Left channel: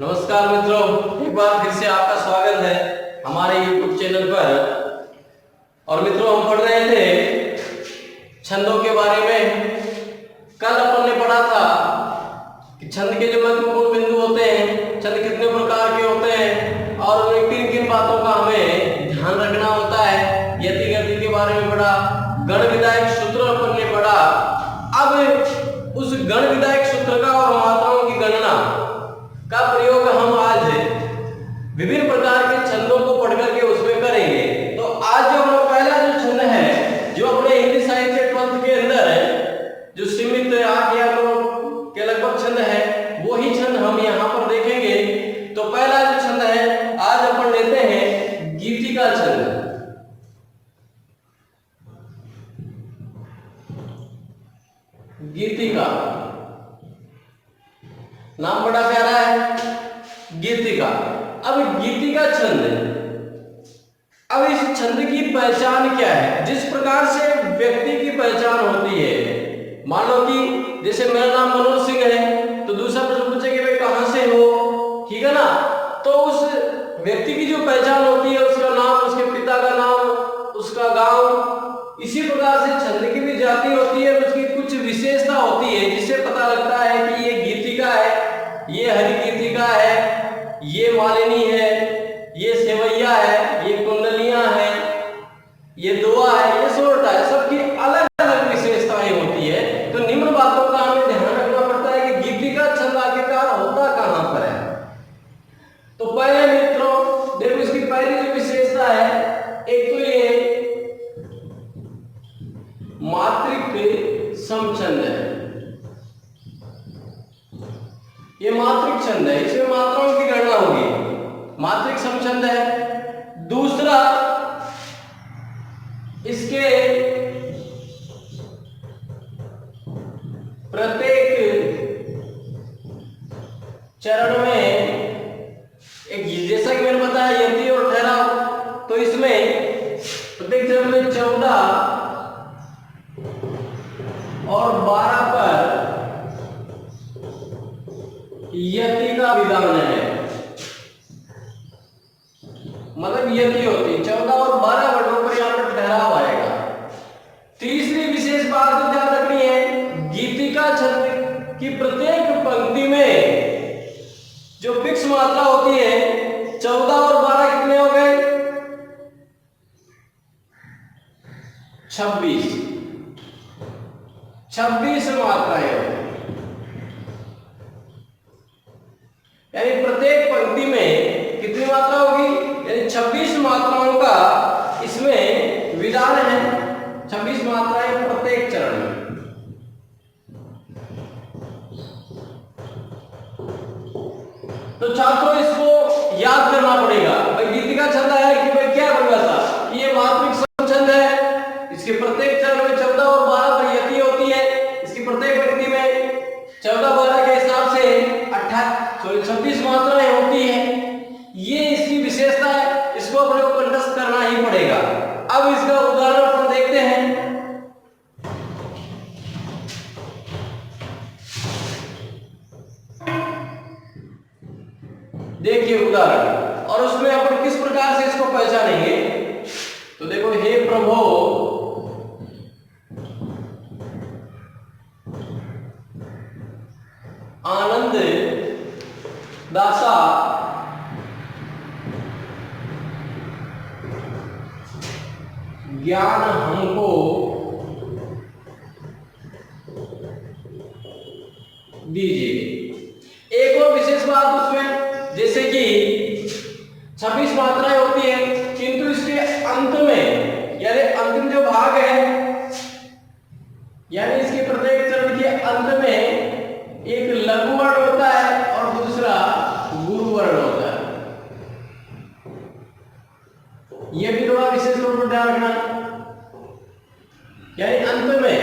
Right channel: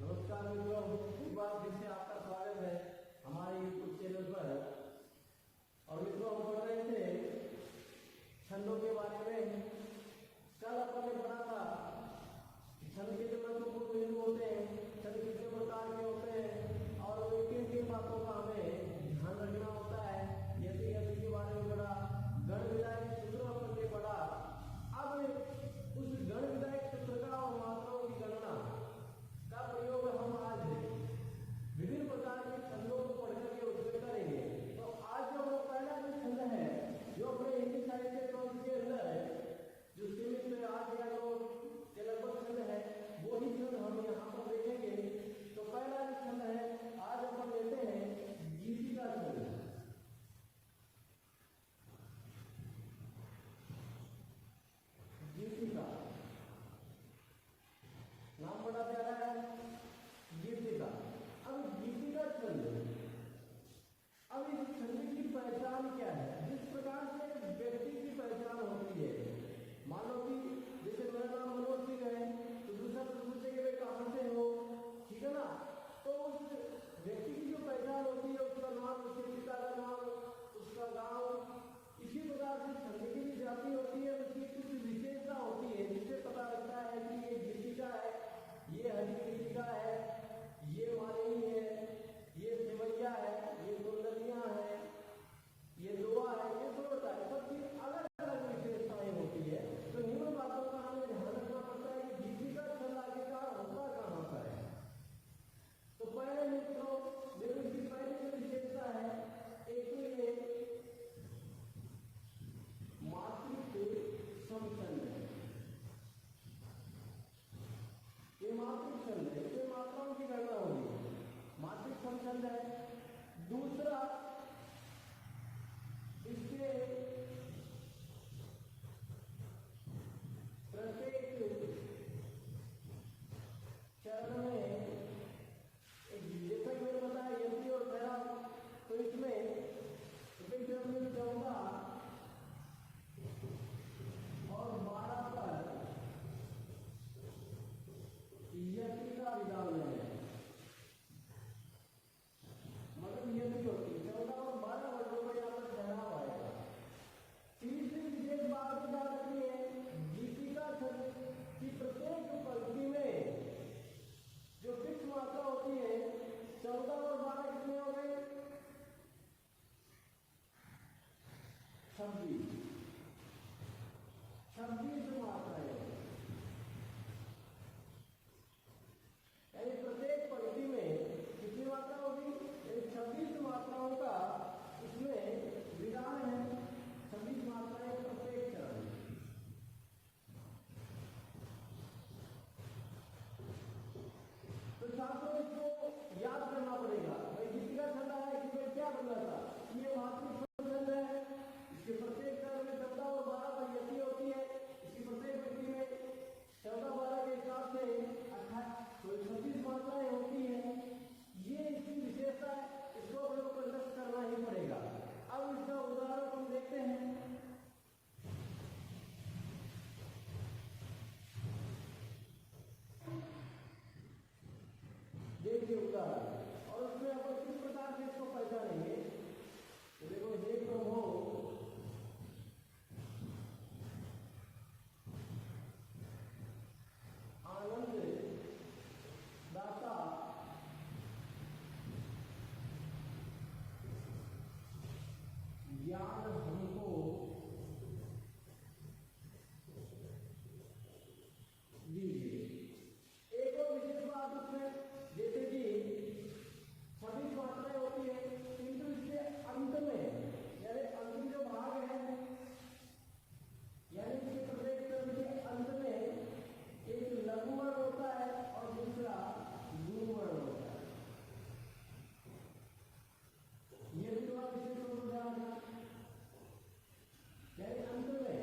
नमस्कार मित्रों, एक बार फिर से आपका स्वागत है हमारे YouTube चैनल पर। और मित्रों, हम पढ़ रहे थे छंदों के बारे में। कल अपन ने पढ़ा था कि छंद के जो महत्वपूर्ण बिंदु होते हैं, छंद कितने प्रकार के होते हैं और उनमें किन किन बातों का हमें ध्यान रखना होता है। यति गति के बारे में पढ़ा, गण विधायक सूत्र अपन ने पढ़ा। अब उस गण विधायक सूत्र का और मात्राओं की गणना का प्रयोग हम आज विभिन्न प्रकार के छंदों को पढ़ करके उसमें करेंगे। तो आज जो हमारा पहला जो छंद है, जो अपने हिंदी साहित्य 12th के अंदर है, जो सीमित 8 या 9 के लगभग छंद है, वो ही छंद हम यहाँ पर देखेंगे। तो पहला जो छंद है आज अपन लेते हैं गीतिका छंद। गीतिका नाम बड़ा प्यारा है, गीतिका। अब गीतिका छंद, अब इस छंद की पहचान क्या है? जिस प्रकार से व्यक्ति की पहचान होती है, मान लो कि जैसे मेरा नाम मनोज सिंह है, तो दूसरा प्रश्न पूछे कि भाई कहां से हो, ठीक है ना? तो उस व्यक्ति की जो पहचान होती है, उसका नाम, उसके पिता का नाम, उसका गांव, इसी प्रकार से छंद की भी जाति होती है, उसकी कुछ विशेषता होती है जिससे पता लगता है कि ये गीतिका है, ये हरि गीतिका है, ये मालिनी है, ये सेवैया है, ये कुंडलियां हैं, ये दुआ है, ये सोरठा है। सबकी अलग अलग विशेषताएं होती है। तो निम्न बातों का हमें ध्यान रखना पड़ता है कि गीतिका छंद आखिरकार होता कहां पर है। तो पहले मित्रों देखो, इसकी पहली जो विशेषता है, एक तो ये मात्रिक समछंद है। ये मात्रिक छंद है, इसमें मात्राओं की गणना होगी, मात्रिक समछंद है। दूसरा, इसके प्रत्येक चरण में एक, जैसा कि मैंने बताया, यति और ठहराव, तो इसमें प्रत्येक चरण में 14 और 12 पर यति का विधान है। मतलब यति होती है 14 और 12 वर्णों पर यहां पर ठहराव आएगा। तीसरी विशेष बात जो ध्यान रखनी है, गीतिका छंद की प्रत्येक पंक्ति में जो फिक्स मात्रा होती है, 14 और 12 कितने हो गए? 26 मात्राएं होती, यानी प्रत्येक पंक्ति में कितनी मात्रा होगी? यानी 26 मात्राओं का इसमें विधान है। 26 मात्राएं प्रत्येक चरण में। तो छात्रों, इसको याद करना पड़ेगा। भाई गीतिका छंद है कि भाई क्या परिभाषा? ये मात्रिक समछंद है, इसके प्रत्येक चरण में 14 और 12 पर यति होती है। इसकी प्रत्येक पंक्ति में 14-12 के हिसाब से 26 मात्राएं होती है। ये इसकी विशेषता है, इसको अपने को कंठस्थ करना ही पड़ेगा। अब इसका उदाहरण अपन देखते हैं। देखिए उदाहरण, और उसमें अपन किस प्रकार से इसको पहचानेंगे। तो देखो, हे प्रभु आनंद दासा ज्ञान हमको दीजिए। एक और विशेष बात उसमें, जैसे कि 26 मात्राएं होती है, किंतु इसके अंत में, यानी अंतिम जो भाग है, यानी इसके प्रत्येक चरण के अंत में एक लघु वर्ण होता है और दूसरा गुरु वर्ण होता है। यह भी थोड़ा विशेष रूप से ध्यान रखना। यानी अंत में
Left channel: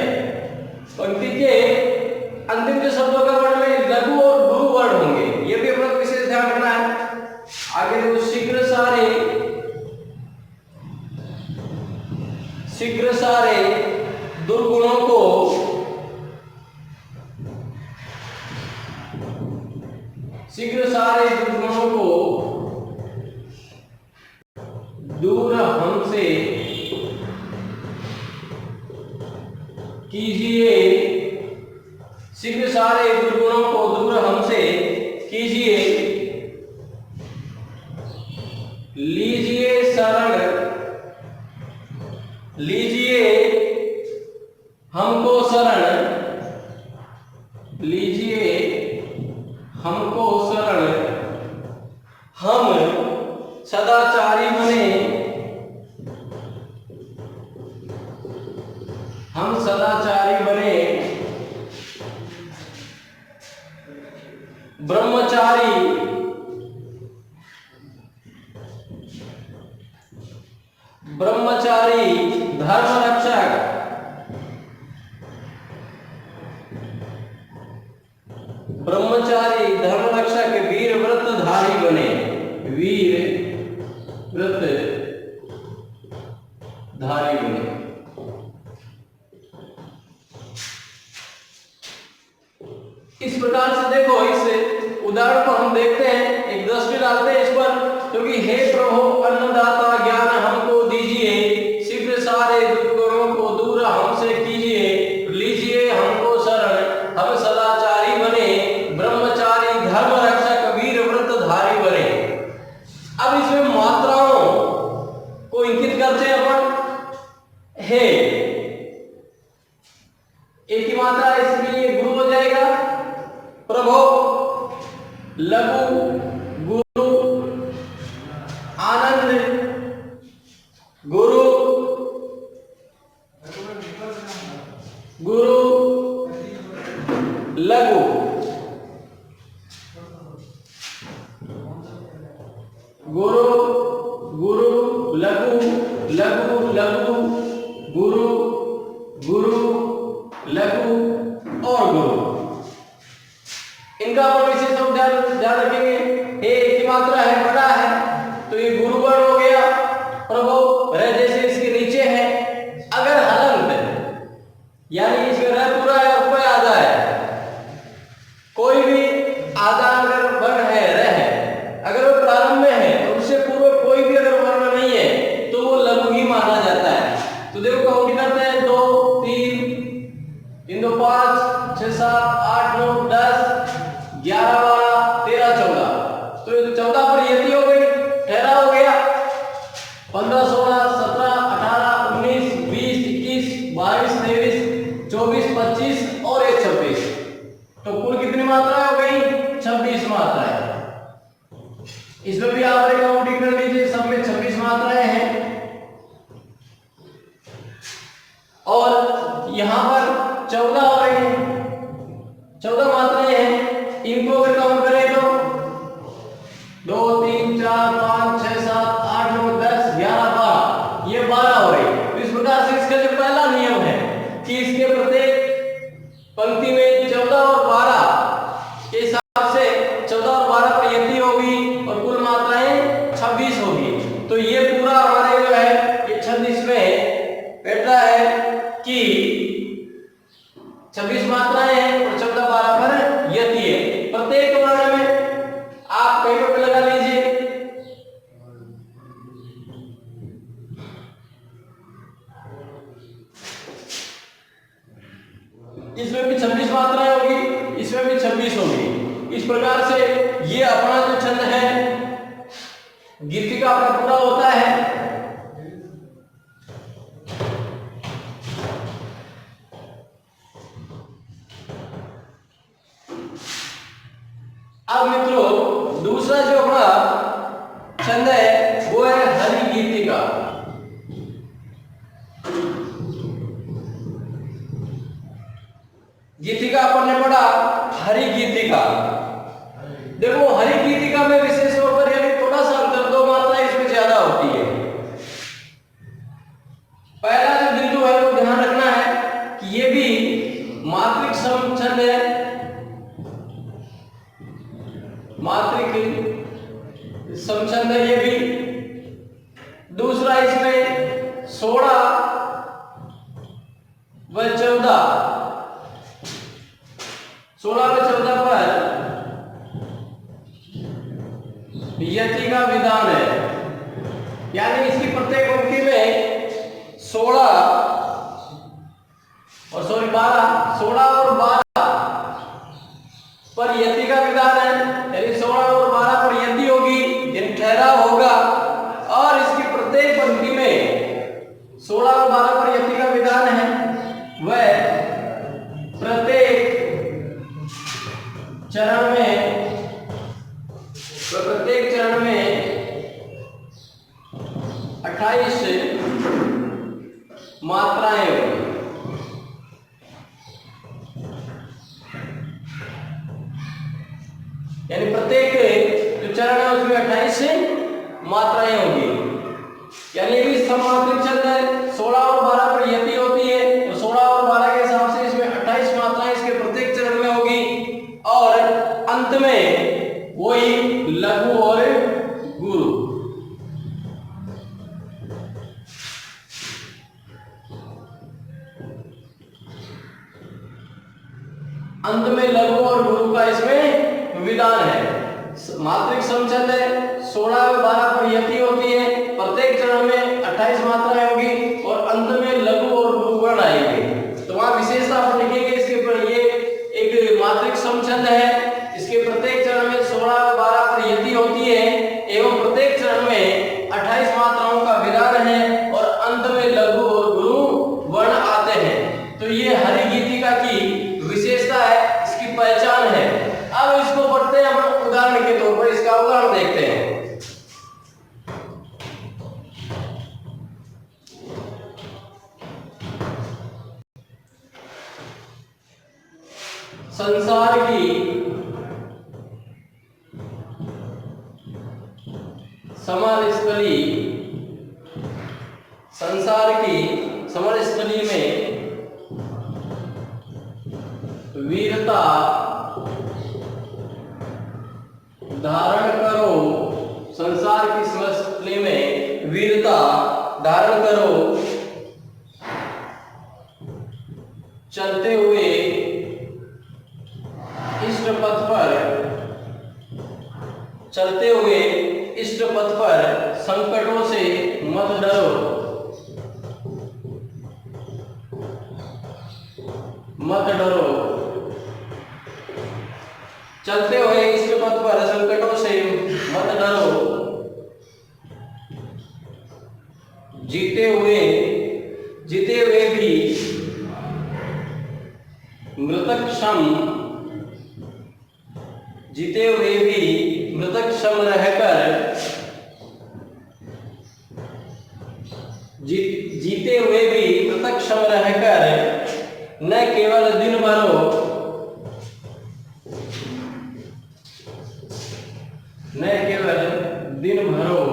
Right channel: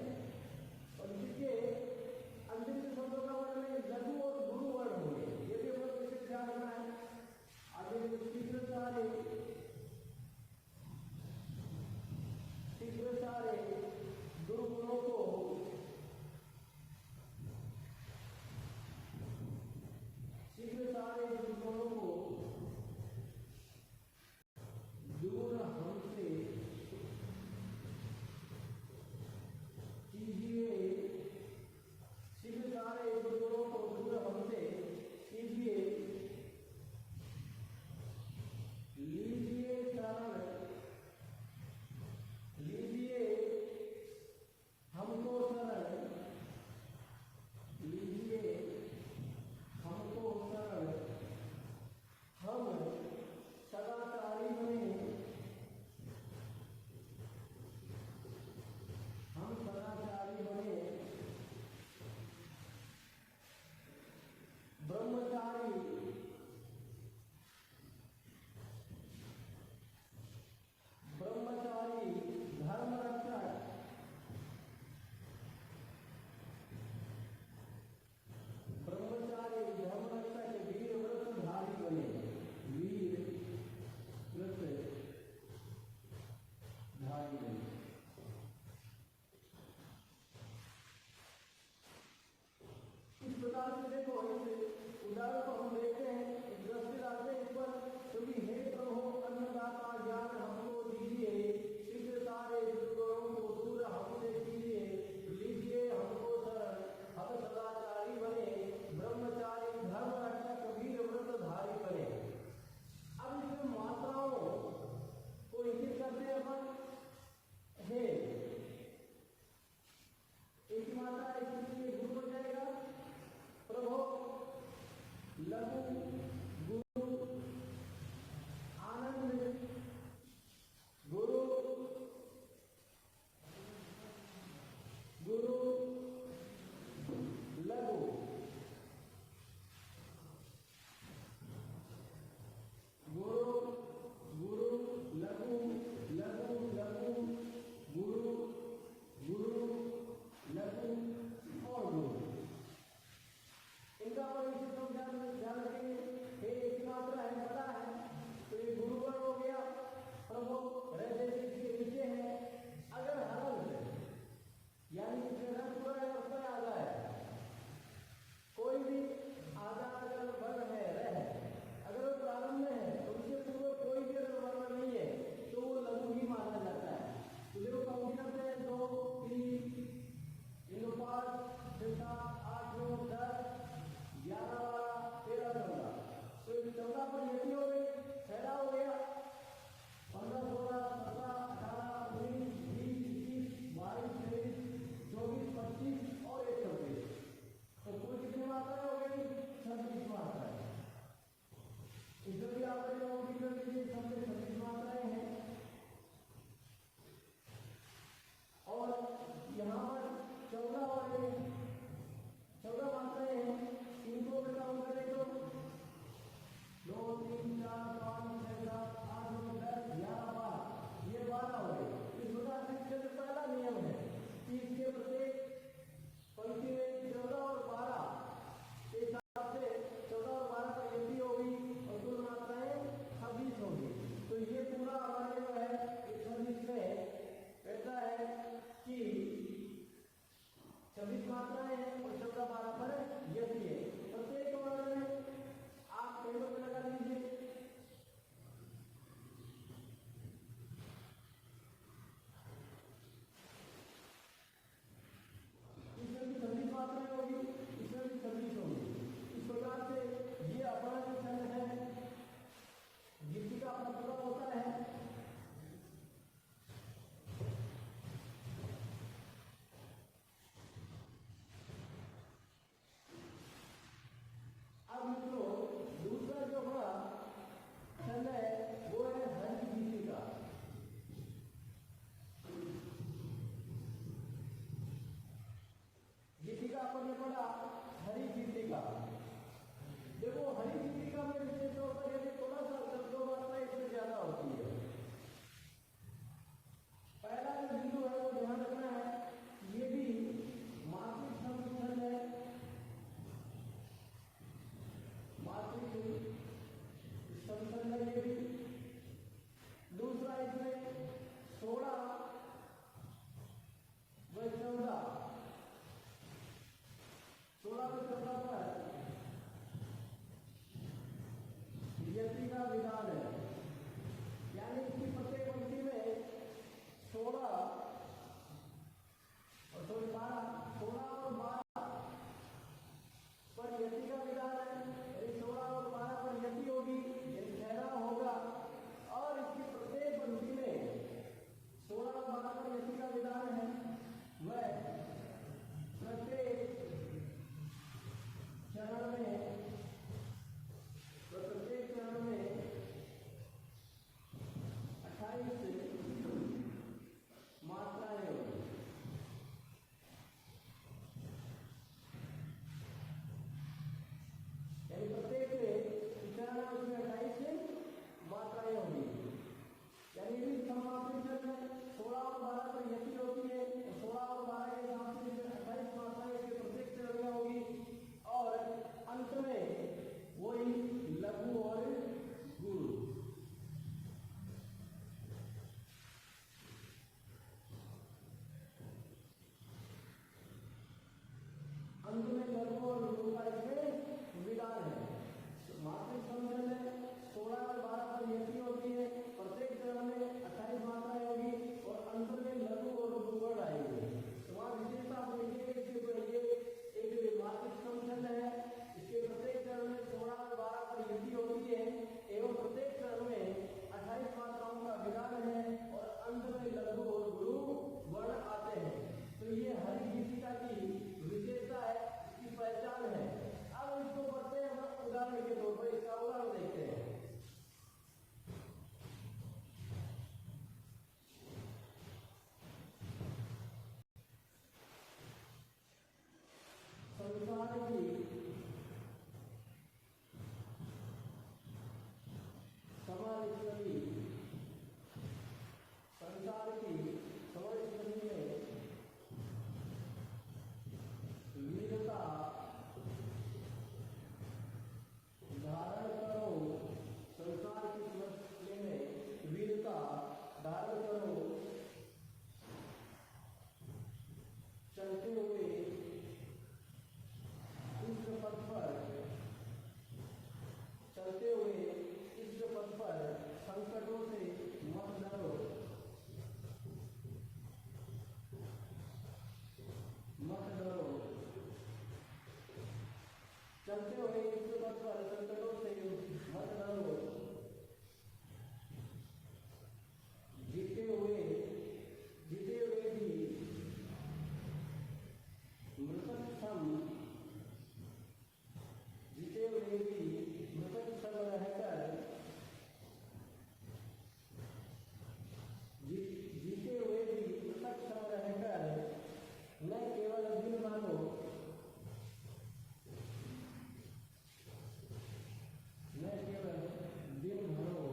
पंक्ति के अंतिम जो शब्दों का वर्ण में लघु और गुरु वर्ण होंगे, यह भी अपना विशेष ध्यान रखना है। आगे देखो, शीघ्र सारे दुर्गुणों को शीघ्र सारे दुर्गुणों को दूर हमसे कीजिए, शीघ्र सारे दुर्गुणों को दूर हमसे कीजिए, लीजिए शरण, लीजिए हमको शरण, लीजिए हमको शरण, हम सदाचारी बने, हम सदाचारी बने, ब्रह्मचारी, ब्रह्मचारी धर्म रक्षक, ब्रह्मचारी धर्म रक्षक वीर व्रतधारी बने, वीर व्रतधारी बने। इस प्रकार से देखो, इस उदाहरण को हम देखते हैं, एक दृष्टि डालते हैं इस पर, क्योंकि हे प्रभु अन्नदाता ज्ञान हमको दीजिए, शीघ्र सारे दुर्गुणों को दूर हमसे कीजिए, लीजिए हमको शरण, हम सदाचारी बने, ब्रह्मचारी धर्म रक्षक वीर व्रतधारी बने। अब इसमें मात्राओं को इंगित करते हैं अपन। हे एक ही मात्रा, इसके लिए गुरु हो जाएगा प्रभु, लघु गुरु, आनंद गुरु, गुरु लघु, गुरु गुरु लघु, लघु लघु, गुरु गुरु लघु और गुरु। इनका अपन विशेष ध्यान रखेंगे। हे एक ही मात्रा है, बड़ा है, तो ये गुरु वर्ण हो गया प्रभु, रह जैसे इसके नीचे है। अगर हलंत यानी इसमें रह पूरा है और प आधा है, कोई भी आधा अगर वर्ण है, रह है, अगर वो प्रारंभ में है और उससे पूर्व कोई भी अगर वर्ण नहीं है तो वो लघु ही माना जाता है। तो देखो काउंट करते हैं, 2 3 इन दो 5 6 7 8 9 10 11 12 13 14, तो ये 14 पर यति हो गई, ठहरा हो गया, 15 16 17 18 19 20 21 22 23 24 25 और 1 26, तो कुल कितनी मात्राएं हो गई? 26 मात्राएं। इसमें भी आप काउंटिंग कर लीजिए, सब में 26 मात्राएं हैं। और यहां पर 14 हो रही है, 14 मात्राएं हैं। इनको अगर काउंट करें तो 2 3 4 5 6 7 8 9 10 11 12, ये 12 हो रही है। तो इस प्रकार से इसका जो पहला नियम है कि इसके प्रत्येक पंक्ति में 14 और 12 के हिसाब से 14 और 12 पर यति होगी और कुल मात्राएं 26 होगी। तो ये पूरा हमारे जो है ये 26 में बैठता है कि 26 मात्राएं हैं और 14 12 पर यति है। प्रत्येक वर्ण में आप कहीं पे लगा लीजिए, इसमें भी 26 मात्राएं होगी, इसमें भी 26 होगी। इस प्रकार से ये अपना जो छंद है गीतिका अपना पूरा होता है। अब मित्रों दूसरा जो अपना छंद है वो है हरि गीतिका। गीतिका अपन ने पढ़ा हरि गीतिका। देखो हरि गीतिका में विशेष तौर पर यानी थोड़ा सा अंतर, 2 मात्रा इसमें ज्यादा होती है। पहला जो बिंदु है वो ध्यान रखना है कि ये भी मात्रिक छंद है, मात्रिक समछंद है ये भी। दूसरा इसमें 16 व 14, 16 व 14 पर यति का विधान है, यानी इसकी प्रत्येक पंक्ति में 16 और 12 पर यति का विधान है, यानी 16 और 12 पर यति होगी, यानी ठहराव होगा। और इसकी प्रत्येक पंक्ति में 16 और 12 पर यति का विधान है, वह प्रत्येक चरण में 28 मात्राएं होंगी। यानी प्रत्येक जो चरण है उसमें 28 मात्राएं होंगी। यानी भी सममात्रिक छंद है, 16 और 12 पर यति होती है, तो 16 और 12 के हिसाब से इसमें 28 मात्राएं इसके प्रत्येक चरण में होगी। और अंत में वही लघु और गुरु। अंत में लघु और गुरु का इसमें विधान है। मात्रिक समछंद है, 16 और 12 पर यति होती है, प्रत्येक चरण में 28 मात्राएं होगी और अंत में लघु और गुरु वर्ण आएंगे। तो वहां विशेषता आप लिखेंगे इसके पर, ये एक मात्रिक समछंद है, इसके प्रत्येक चरण में 16 और 12 पर यति होती है एवं प्रत्येक चरण में 28 मात्राओं का विधान है और अंत में लघु और गुरु वर्ण आते हैं। तो ये हरि गीतिका की विशेषता है, इसकी पहचान है। अब इसको पढ़ते हैं अपन उदाहरण के तौर पर, इसका उदाहरण देखते हैं। संसार की समरस्थली, संसार की समरस्थली में वीरता धारण करो। संसार की समरस्थली में वीरता धारण करो, चलते हुए इष्ट पथ पर, चलते हुए इष्ट पथ पर संकटों से मत डरो, मत डरो। चलते हुए इष्ट पथ पर संकटों से मत डरो, जीते हुए भी मृतक क्षम, जीते हुए भी मृतक क्षम रहकर, जीते हुए भी मृतक क्षम रहकर न केवल दिन भरो, न केवल दिन भरो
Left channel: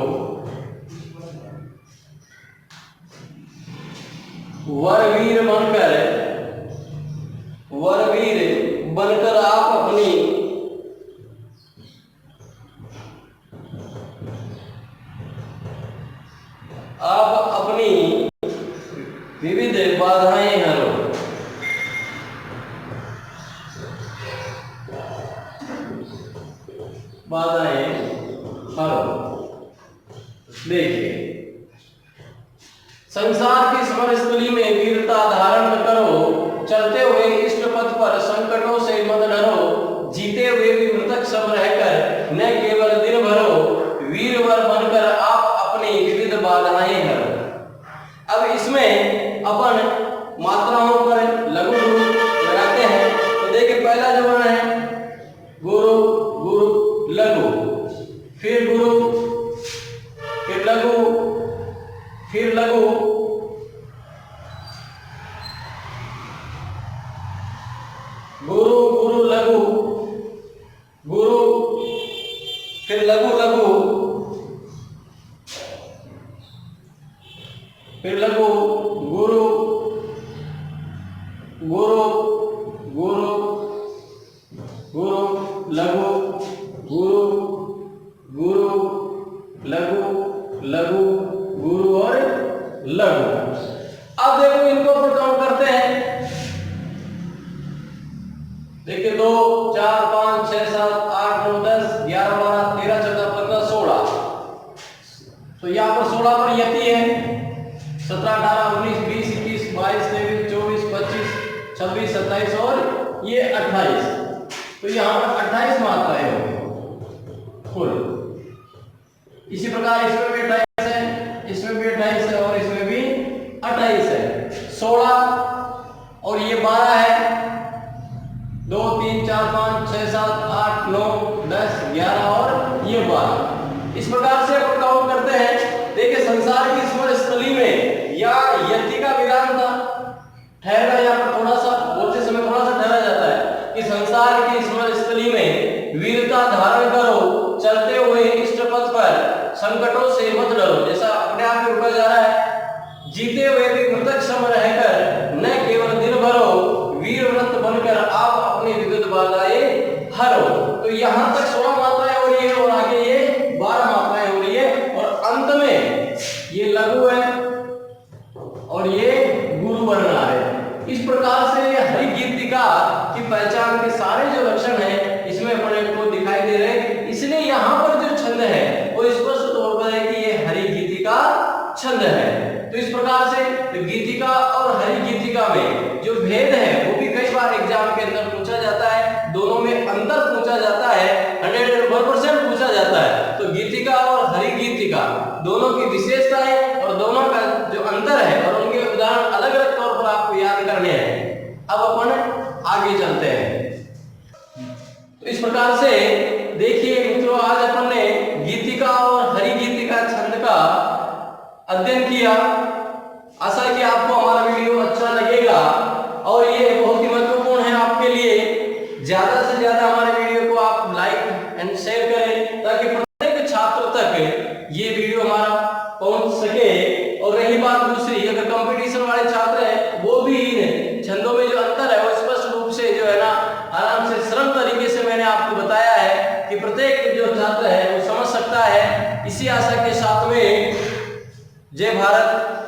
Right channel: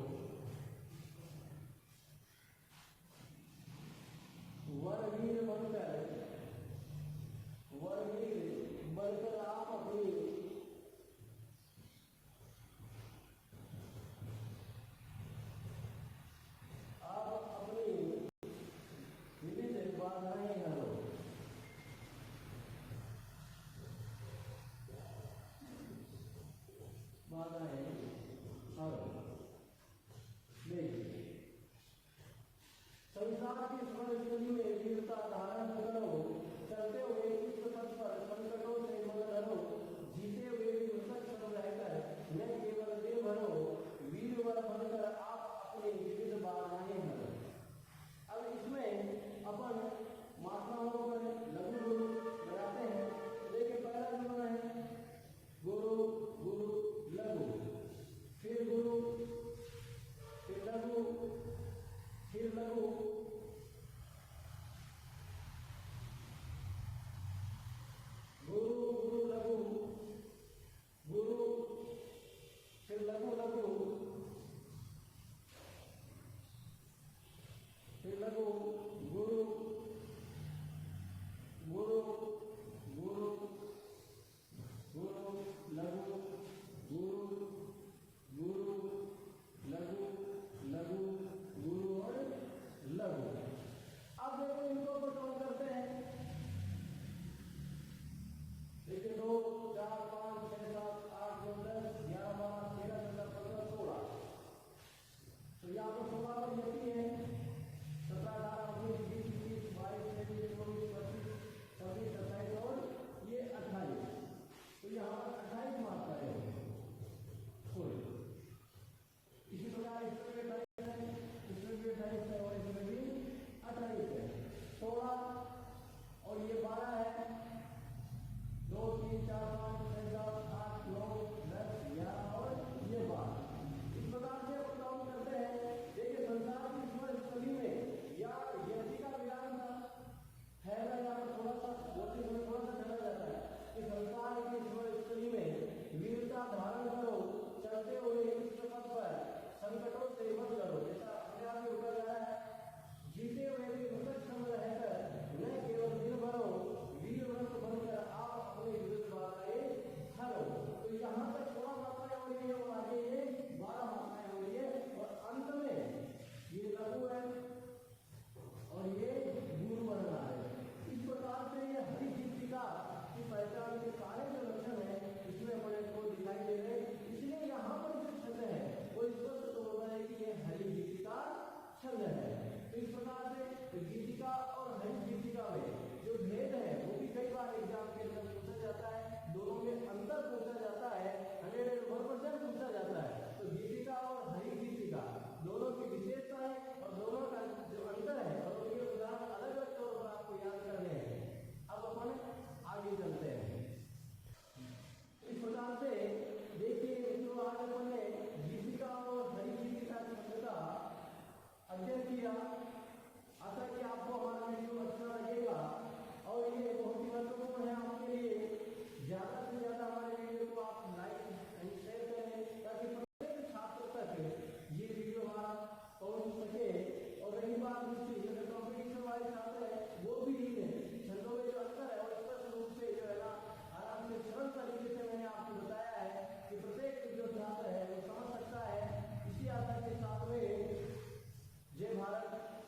वरवीर बनकर आप अपनी विविध बाधाएं हरो। बाधाएं हरो। देखिए, संसार की समरस्थली में वीरता धारण करो, चलते हुए इष्ट पथ पर संकटों से मत डरो, जीते हुए भी मृतक सम रहकर न केवल दिन भरो, वीरवर बनकर आप अपनी विविध बाधाएं हरो। अब इसमें अपन मात्राओं पर लघु गुरु लगाते हैं। तो देखिए, पहला जो वर्ण है गुरु, गुरु लघु, फिर गुरु, फिर लघु, फिर लघु, गुरु, गुरु लघु, गुरु, फिर लघु लघु, फिर लघु, गुरु, गुरु, गुरु, गुरु लघु, गुरु, गुरु लघु, लघु, गुरु और लघु। अब देखो, इनको अपन काउंट करते हैं। देखिए, 2 4 5 6 7 8 9 10 11 12 13 14 15 16। ये 28, तो यहाँ पर 28 मात्राएं होंगी कुल। इसी प्रकार इसमें भी 28 है, इसमें भी 28 है और इसमें भी 28 है। 16 और ये 12 है, 2 3 4 5 6 7 8 9 10 11 और ये 12। इस प्रकार से अपन काउंट करते हैं। देखिए संसार की स्मरण स्थली में या यति का विधान था, ठहरना यहाँ पर थोड़ा सा बोलते समय थोड़ा सा ठहरा जाता है कि संसार की स्मरण स्थली में वीरता धारण करो, चलते हुए इष्ट पथ पर संकटों से मत डरो। जैसा अपने आप में रुका जा रहा है, जीते हुए भी मृतक सम रहकर न केवल दिन भरो, वीर व्रत बनकर आप अपनी विद्युत बाधाएं हरो। तो यहाँ तक 16 मात्राएं हो रही है और आगे ये 12 मात्राएं हो रही है और अंत में ये लघु है और ये गुरु वर्ण आ रहे हैं। इस प्रकार से ये हरि गीतिका की पहचान के सारे जो लक्षण है इसमें अपने को दिखाई दे रहे हैं। इसलिए यहाँ पर जो छंद है वो स्पष्ट तौर पर है कि ये हरि गीतिका छंद है। तो इस प्रकार से तो गीतिका और हरि गीतिका में जो भेद है वो भी कई बार एग्जाम के अंदर पूछा जाता है, दोनों में अंतर पूछा जाता है, 101% पूछा जाता है। तो गीतिका और हरि गीतिका दोनों की विशेषताएं और दोनों का जो अंतर है और उनके उदाहरण अलग अलग तौर पर आपको याद करने हैं। अब अपन आगे चलते हैं। तो इस प्रकार से देखिए मित्रों, आज अपन ने गीतिका और हरि गीतिका छंद का अध्ययन किया। आशा है कि आपको हमारा वीडियो अच्छा लगेगा और ये बहुत ही महत्वपूर्ण है आपके लिए। ज्यादा से ज्यादा हमारे वीडियो को आप लाइक एंड शेयर करें ताकि प्रत्येक छात्र तक ये वीडियो हमारा पहुंच सके। और रही बात दूसरी, अगर कंपटीशन वाले छात्र हैं वो भी इन छंदों में जो अंतर है वो स्पष्ट रूप से जो है ना आराम से सरल तरीके से मैंने आपको बताया है कि प्रत्येक जो छात्र है वो समझ सकता है। इसी आशा के साथ में जय भारत।